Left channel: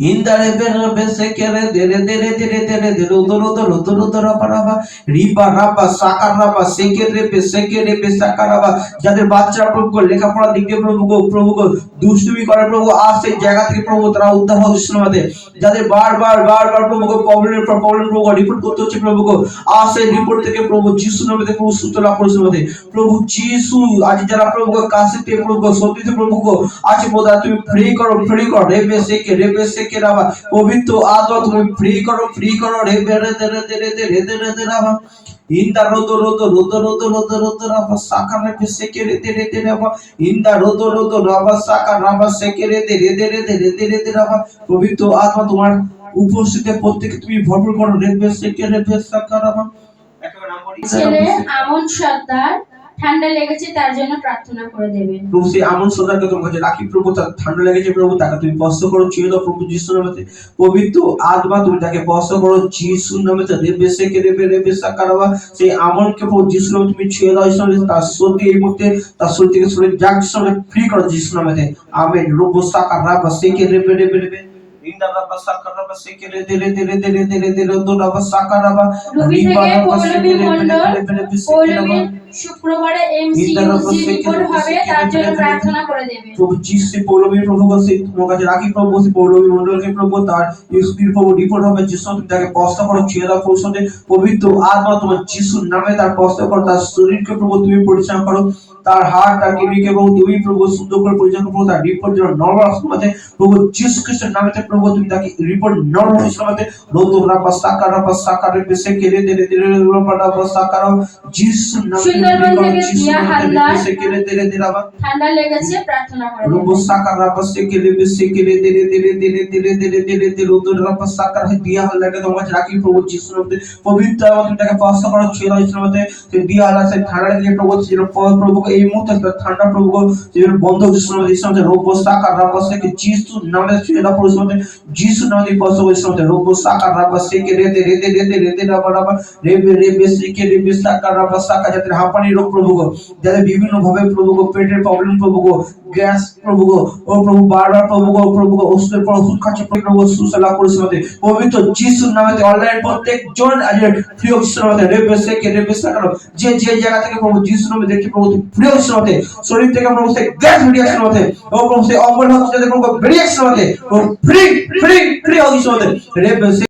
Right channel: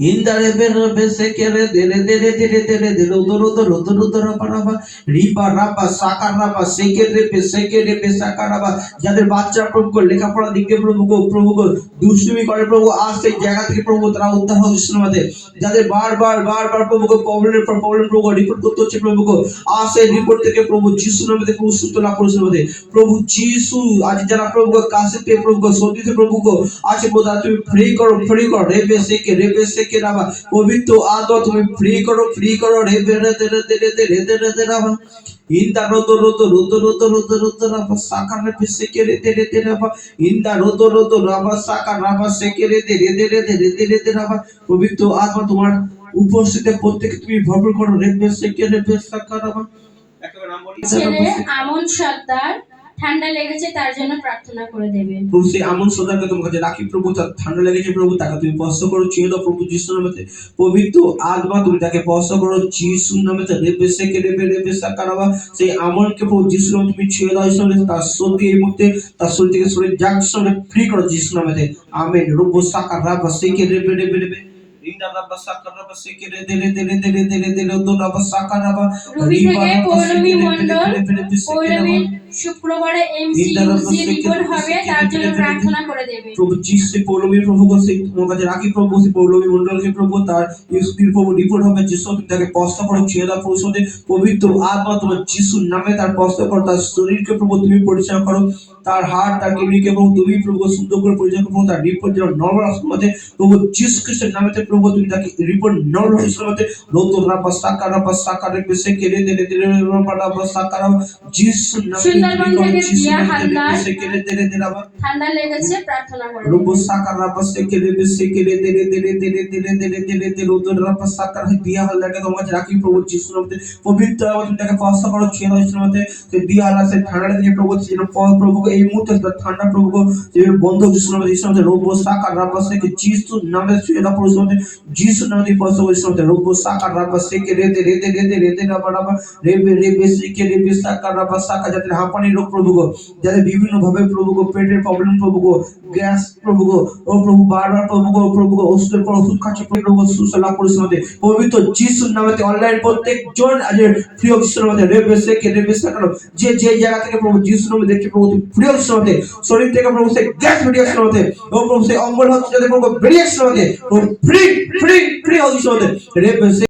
Indare bere bese kere dere dere dere dere dere udoro udoro udoro udoro paraba riba raba সাকার রাবা সেকেরে pay সেকেরে pay সাকার রাবা যাদের বাচ্চারা প্রভু লেখাপড়া দিকে প্রভু দুষ্টুমি করে প্রভু আজ সেই জায়গা থেকে প্রভু তারা উদ্ধার হোক যিশুর নামে যাদের বারবার প্রভু প্রবলেমের পর প্রবলেম প্রভু রিপোর্ট করতে হচ্ছে প্রভু আজ সেই রিপোর্ট থেকে প্রভু যিশুর নামে প্রভু সুস্থ লাভ করেছে নামে প্রভু যিশু আজ যারা প্রভু কাছে পেয়ে প্রভু সত্যিতে প্রভু আজ প্রভু তুমি ফ্রি করো রেবে সেকে রাবা পবিত্র আত্মা তুমি ফ্রি করো রেবে রে রে রে রে রে রে রাবা Inda rodo raba saka rebe sekere dere dere raba inda rodo raba saka raba sekere dere dere dere dere dere raba পবিত্র আত্মা তোমার উপস্থিতিতে প্রত্যেককে তুমি ভরপুর করো রেবে sekere রেবে সাকা রাবা একটা নাম বলি ছেলে আমন সর্দার ঠান্ডা লেগেছে তার জন্য প্রার্থনা করে দেবেন প্রভু সেই আমন সর্দারকে তোমার কাছে রাখি প্রভু তার ঠান্ডা লেগেছে প্রভু তাকে তুমি স্পর্শ করো ছুঁয়ে দাও প্রভু যিশুর নামে পবিত্র আত্মা তুমি তাকে স্পর্শ করো যিশুর নামে রেবে সেকে রেবে সাকা রাবা সেই আমনকে প্রভু যিশুর নামে তুমি ছুঁয়ে দাও যিশুর নামে তার শরীর এই মুহূর্তে তার শরীর থেকে শরীর যাক যিশুর নামে ফ্রি করো যিশুর নামে আমেন রোবো সাকা রাবা সেকে রেবে Inda raba saka raba sekere dere dere dere dere dere do raba saka raba riba raba sekere dere dere শুক্রবারে এমসিইউজি রিপোর্ট হবে তার জন্য প্রার্থনা করে দেবেন প্রভু যিশু পৌলমীর প্রভু কাছে তোমার কাছে রাখি প্রভু সেই পৌলমী মণ্ডলকে প্রভু তার ইউসপির প্রভু রিপোর্ট হবে যিশু তুমি তাকে স্পর্শ করো ছুঁয়ে দাও প্রভু সাথে পবিত্র আত্মা তোমার যিশুর নামে তার স্পর্শ করো তার শরীরকে প্রভু তুমি পরিচালনা করো তার হার্ট তার কিডনিকে প্রভু তুমি প্রভু সুন্দর করে পরিচালনা করো তার রিপোর্ট যেন নরমাল আসতে প্রভু যিশু খ্রিস্টের নামে প্রভু তুমি তাকে রিপোর্ট নরমাল আসতে নতুন রাবা সাকা রে বেসে কেড়ে দে রাবা সাকা যিশুর নামে ঠান্ডা লেগেছে প্রার্থনা করো রুবো সাকা রাবা সেকেরে বেসেকেরে দেরে দেরে দেরে দেরে দেরে দেরে দেরে উদর রাবা সাকা দিয়া হালদাকে তোমার কাছে রাখি প্রভু যিশুর নামে পবিত্র এবং তাকে স্পর্শ করো ছুঁয়ে দাও যিশুর নামে সেই দিয়া হালদা সেই ঠান্ডা থেকে প্রভু যেন প্রভু এই মুহূর্তে ঠান্ডা প্রভু যেন বন্ধ যিশুর নামে যিশুর নামে রুবো সাকা রাবা সেকে যিশুর নামে ছুঁয়ে দাও প্রভু নামে যিশুর নামে স্পর্শ করো যিশুর নামে রুবো সাকা রাবা সেকেরে দেরে দেরে দেরে দেরে রাবা রাবা রেবে রেবে সেকেরে বেসে সাকা রাবা সাকা যাদের হাঁপানি রোগ প্রভু যাদের বিভিন্ন ভাবে প্রভু পেটের প্রবলেম প্রভু গ্যাস প্রভু ও প্রভু বারবার প্রভু ওষুধের পর ওষুধ খাচ্ছে প্রভু সুস্থ লাভ করেছে আমাদের পবিত্র যিশুর নামে অনলাইন প্রত্যেকজন আজ প্রিয় যিশুর নামে রেবে সাকারো যে যে জায়গা থেকে প্রভু যিশুর নামে দেখছে প্রভু প্রিয় যিশুর নামে শরীর থেকে প্রভু সে গ্যাস বেরিয়ে আসছে নামে ও প্রভু সে অম্বল হচ্ছে যাদের প্রভু বেরিয়ে আসছে নামে প্রভু ফ্রি যিশুর নামে রেবে